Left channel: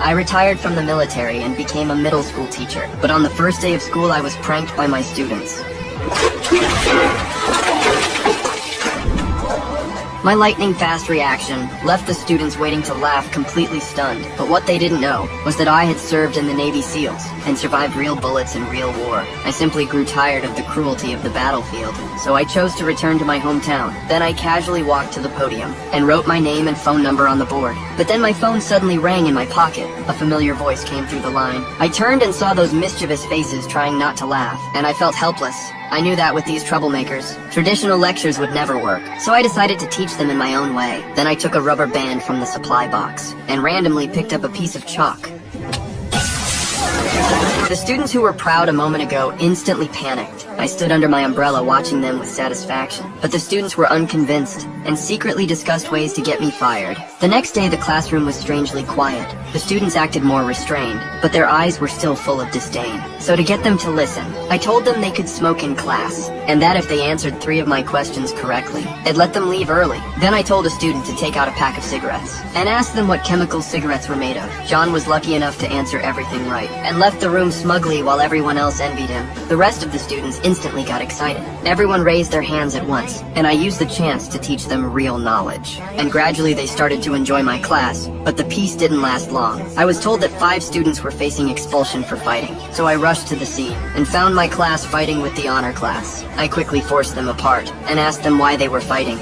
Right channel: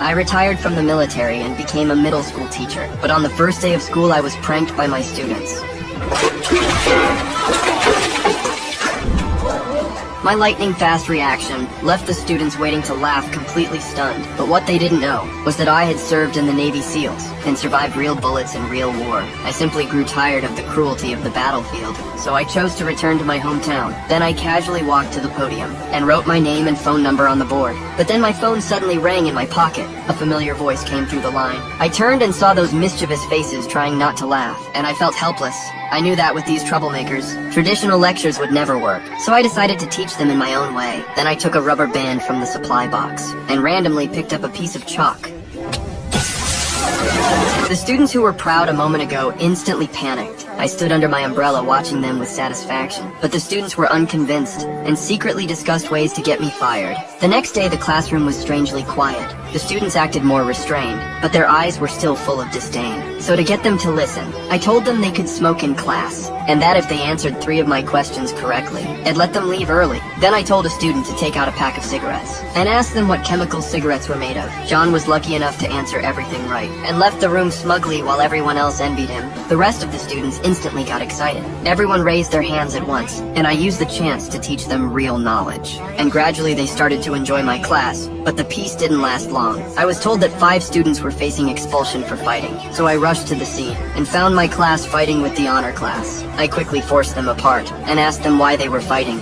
I retired from the military and became a middle school teacher. But on the first day of school, I was pranked by my students. My lightning-fast reaction left the students waiting to laugh completely stunned. But what they didn't know was that I had served in the Navy SEALs and survived real bullets in real war. I simply grew tired of the cruelty of the battlefield, so I chose to return to my hometown. Then I casually walked to the podium and wrote my name and phone number on the board. But then my phone suddenly rang in my pocket. A familiar voice came through the line. I turned and saw those mischievous faces trying not to laugh, and I felt helpless. I knew that with these troublemakers, traditional lectures would never work, so I decided to teach them in my own way. Then I took a rubber band from the supply box and randomly picked up a piece of chalk. The students who were proud a moment ago instantly panicked. I stood under my umbrella watching them with satisfaction, but the students were unconvinced and secretly discussed ways to get me fired. The next day, the classroom was strangely quiet. The students acted more restrained, but their eyes were still full of disdain. So to get them to listen, I told them they could smoke in class, and that if they answered 3 of my questions correctly, I'd let them leave early. Then I told a student to take out a pack of cigarettes, and asked them what chemicals cigarettes were made of. John was lucky enough to answer everything right, and left the room smugly while everyone else envied him. The rest of the students instantly got excited. Everyone raised their hands at once, and I used the chance to teach them real knowledge. And gradually they started to enjoy my class, but the peace didn't last long. I was told that 5 students were facing expulsion for fighting, so I rushed to the scene and found my class fighting with the honor class. I quickly forced them apart and asked them why they were fighting.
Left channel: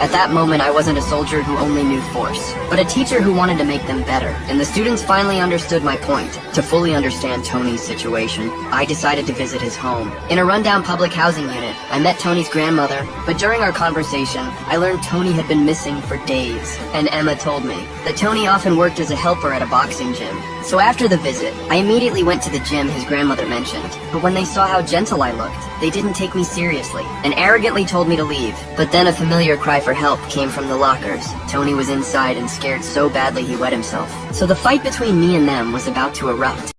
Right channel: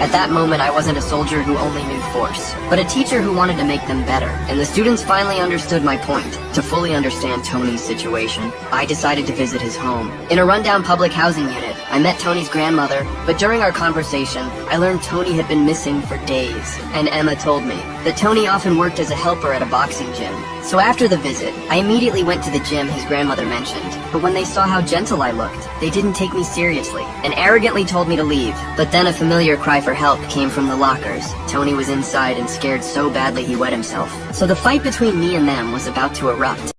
At that moment, I wasn't a soldier who only knew force, but a teacher who wanted to make them better. And the students finally understood my point. To fully understand Tony's situation, I decided to visit his home. In a rundown public housing unit, I met Tony's grandmother, but during our conversation, I learned Tony had been missing for days. And Emma told me that Tony often worked as a helper at a boxing gym. So after the visit, I immediately went to the gym his grandmother mentioned. But when they saw how gentle I looked, they didn't take me seriously and arrogantly told me to leave. But then a familiar cry for help came from the lockers. Tony was inside and scared so badly he wet himself. So the fight between me and them was about to erupt.